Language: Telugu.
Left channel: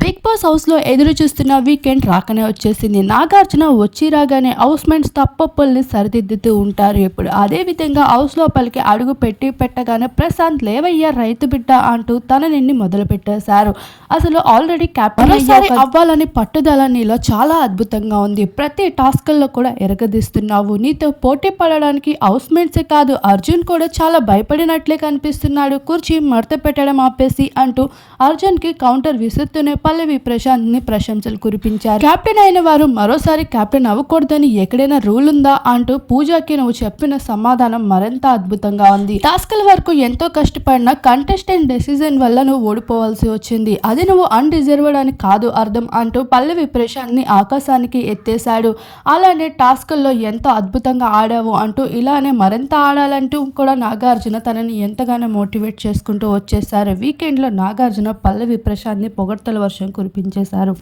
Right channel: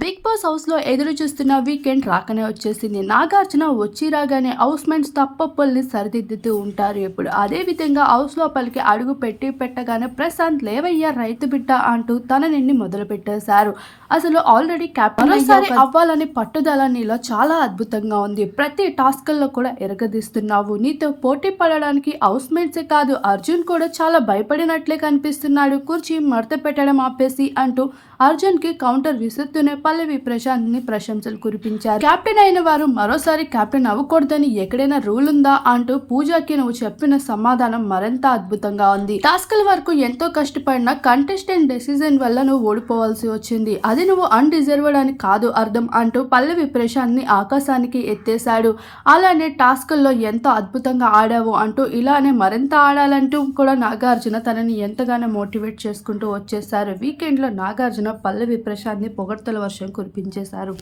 బిగ్ బాస్ హౌస్లో ఎదురు చూస్తున్న వీకెండ్ రాకనే వచ్చేసింది. నాగార్జున వచ్చి రాగానే హౌస్ మేట్స్ తప్పొప్పుల్ని సరిదిద్దుతూ ఉంటారు ఇప్పుడు. అదేవిధంగా హౌస్ లోపలికి అడుగు పెట్టగానే ప్రశాంత్ లేవయ్యా రైతు బిడ్డ అంటూ తన నిండి మొదలు పెట్టేశారు. అసలు ఆల్రెడీ క్యాప్టెన్ అవ్వాలని పట్టుదల నీలో చాలా అద్భుతంగా ఉంది. ప్రతి టాస్క్ల్లో కూడా ఎరగదీస్తున్నావు. నీతో పోటీ పడడానికి హౌస్ మేట్సే కాదు అర్జున్ కూడా చాలా భయపడినట్లే కనిపిస్తున్నాడు. కుర్చీ మడత పెట్టడం ఆపేసి అంటూ అర్జున్కి కౌంటర్ విసురుతూనే పల్లవి ప్రశాంత్ ని ప్రశంసలు కురిపించారు. కెప్టెన్ అయిన వారు మరోసారి కెప్టెన్ అవ్వకూడదని ఎక్కడైనా రూల్ ఉందా అంటూ పూజకి నువ్వు చెప్పిన సమాధానం మరింత అద్భుతంగా ఉంది. టాస్క్ల వరకు ఎంతో కష్టపడిన కంటెస్టెంట్ డెసిజన్ వల్ల నువ్వు ఓడిపోవాల్సి వచ్చింది. అది నువ్వు అన్డిజర్వ్డ్ అని కాదు అర్థం అంటూ పల్లవి ప్రశాంత్ ని ఆకాశానికి ఎత్తేశాడు. అలానే టాస్క్ల్లో ఎంతో అద్భుతంగా ఆడావు అంటూ ఇలానే మరింత ఆడాలంటూ కూడా నాగార్జున తనని ఎంతగానో మోటివేట్ చేసుకుంటూ వచ్చేసారు. వీకెండ్ లో నాగార్జున పల్లవి ప్రశాంత్ ని పొగడ్తల వర్షం కురిపించేశారు.